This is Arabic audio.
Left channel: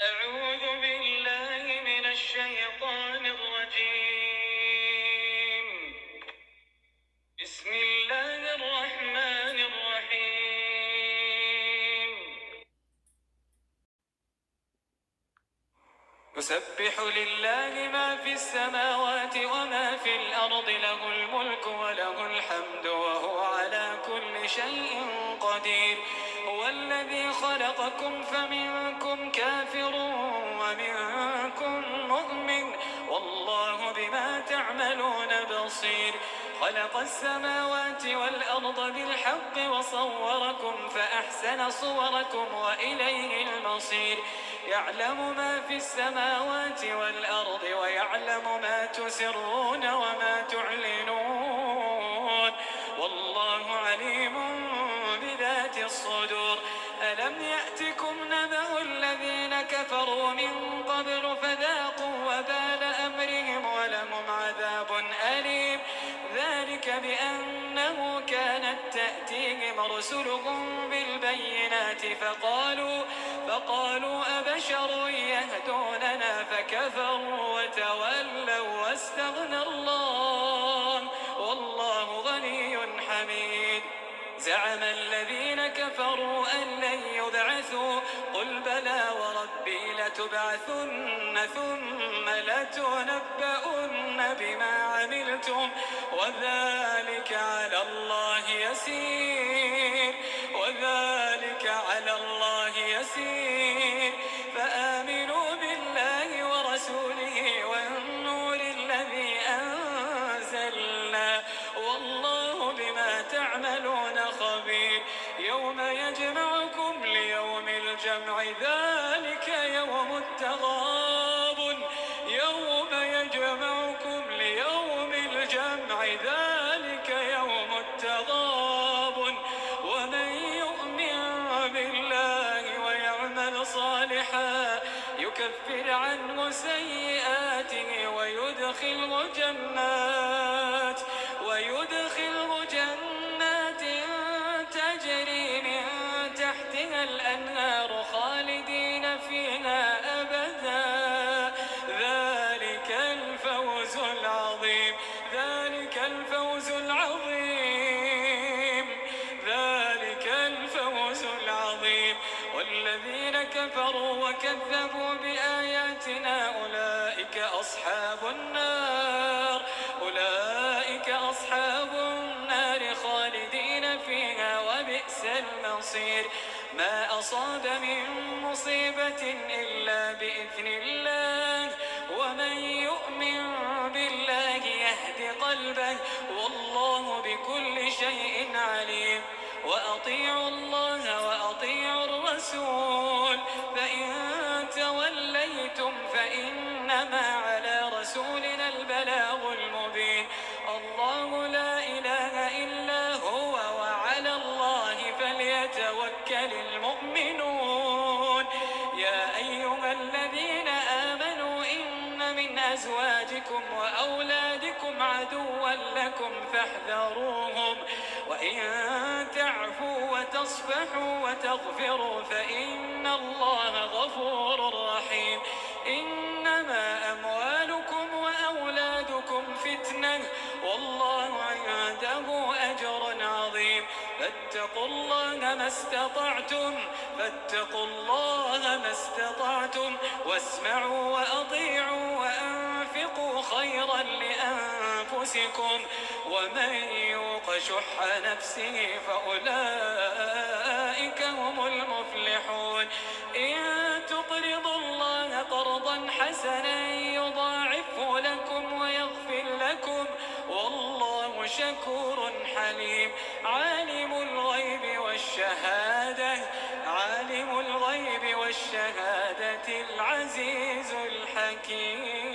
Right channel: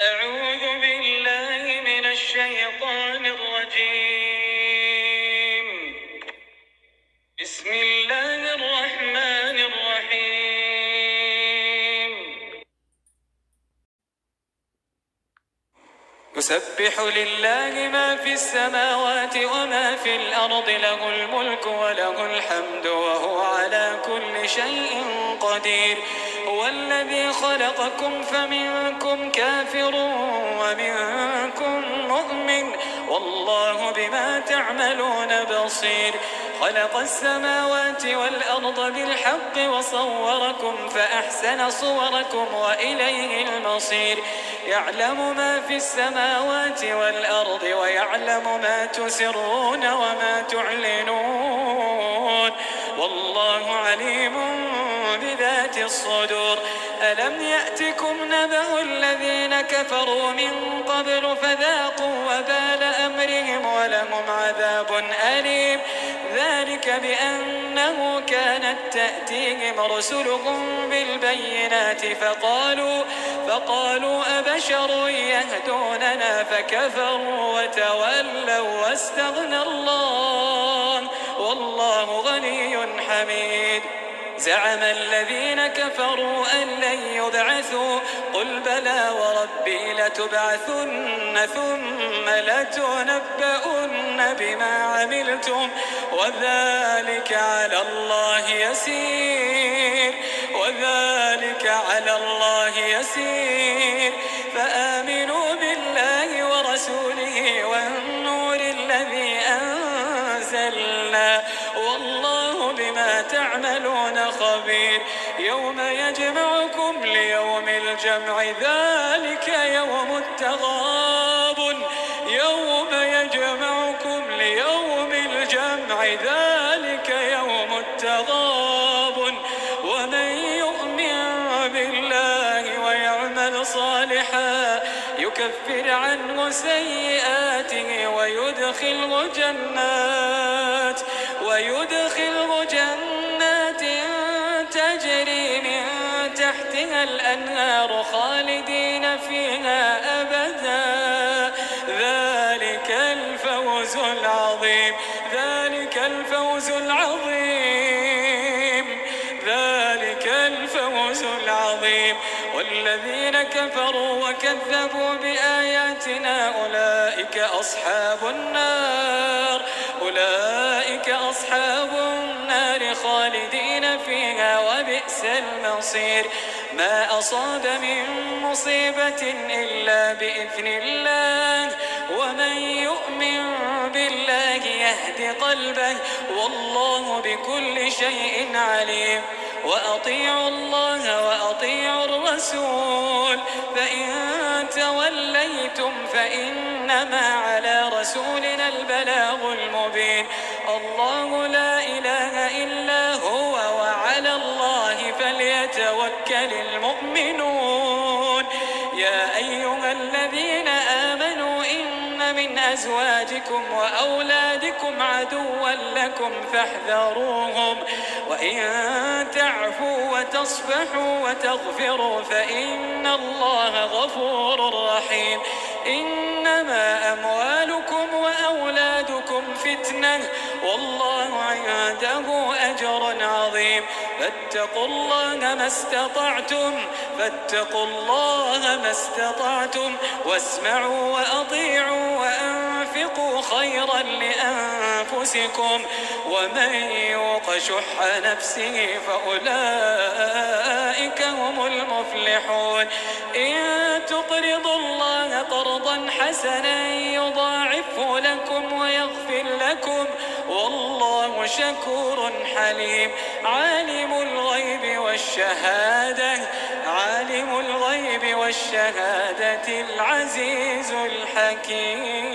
أعوذ بالله من الشيطان الرجيم. بسم الله الرحمن الرحيم. يسبح لله ما في السماوات وما في الأرض، له الملك وله الحمد وهو على كل شيء قدير. هو الذي خلقكم فمنكم كافر ومنكم مؤمن، والله بما تعملون بصير. خلق السماوات والأرض بالحق وصوركم فأحسن صوركم وإليه المصير. يعلم ما في السماوات والأرض ويعلم ما تسرون وما تعلنون، والله عليم بذات الصدور. ألم يأتكم نبأ الذين كفروا من قبل فذاقوا وبال أمرهم ولهم عذاب أليم. ذلك بأنه كانت تأتيهم رسلهم بالبينات فقالوا أبشر يهدوننا فكفروا وتولوا واستغنى الله والله غني حميد. زعم الذين كفروا أن لن يبعثوا، قل بلى وربي لتبعثن ثم لتنبؤن بما عملتم وذلك على الله يسير. فآمنوا بالله ورسوله والنور الذي أنزلنا، والله بما تعملون خبير. يوم يجمعكم ليوم الجمع ذلك يوم التغابن. ومن يؤمن بالله ويعمل صالحا يكفر عنه سيئاته ويدخله جنات تجري من تحتها الأنهار خالدين فيها أبدا. ذلك الفوز العظيم. والذين كفروا وكذبوا بآياتنا أولئك أصحاب النار خالدين فيها وبئس المصير. ما أصاب من مصيبة إلا بإذن الله، ومن يؤمن بالله يهد قلبه، والله بكل شيء عليم. وأطيعوا الله وأطيعوا الرسول، فإن توليتم فإنما على رسولنا البلاغ المبين. الله لا إله إلا هو وعلى الله فليتوكل المؤمنون. يا أيها الذين آمنوا إن من أزواجكم وأولادكم عدوا لكم فاحذروهم، وإن تعفوا وتصفحوا وتغفروا فإن الله غفور رحيم. إنما أموالكم وأولادكم فتنة، والله عنده أجر عظيم. فاتقوا الله ما استطعتم واسمعوا وأطيعوا وأنفقوا خيرا لأنفسكم، ومن يوق شح نفسه فأولئك هم المفلحون. إن تقرضوا الله قرضا حسنا يضاعفه لكم ويغفر لكم، والله شكور حليم. عالم الغيب والشهادة العزيز الحكيم.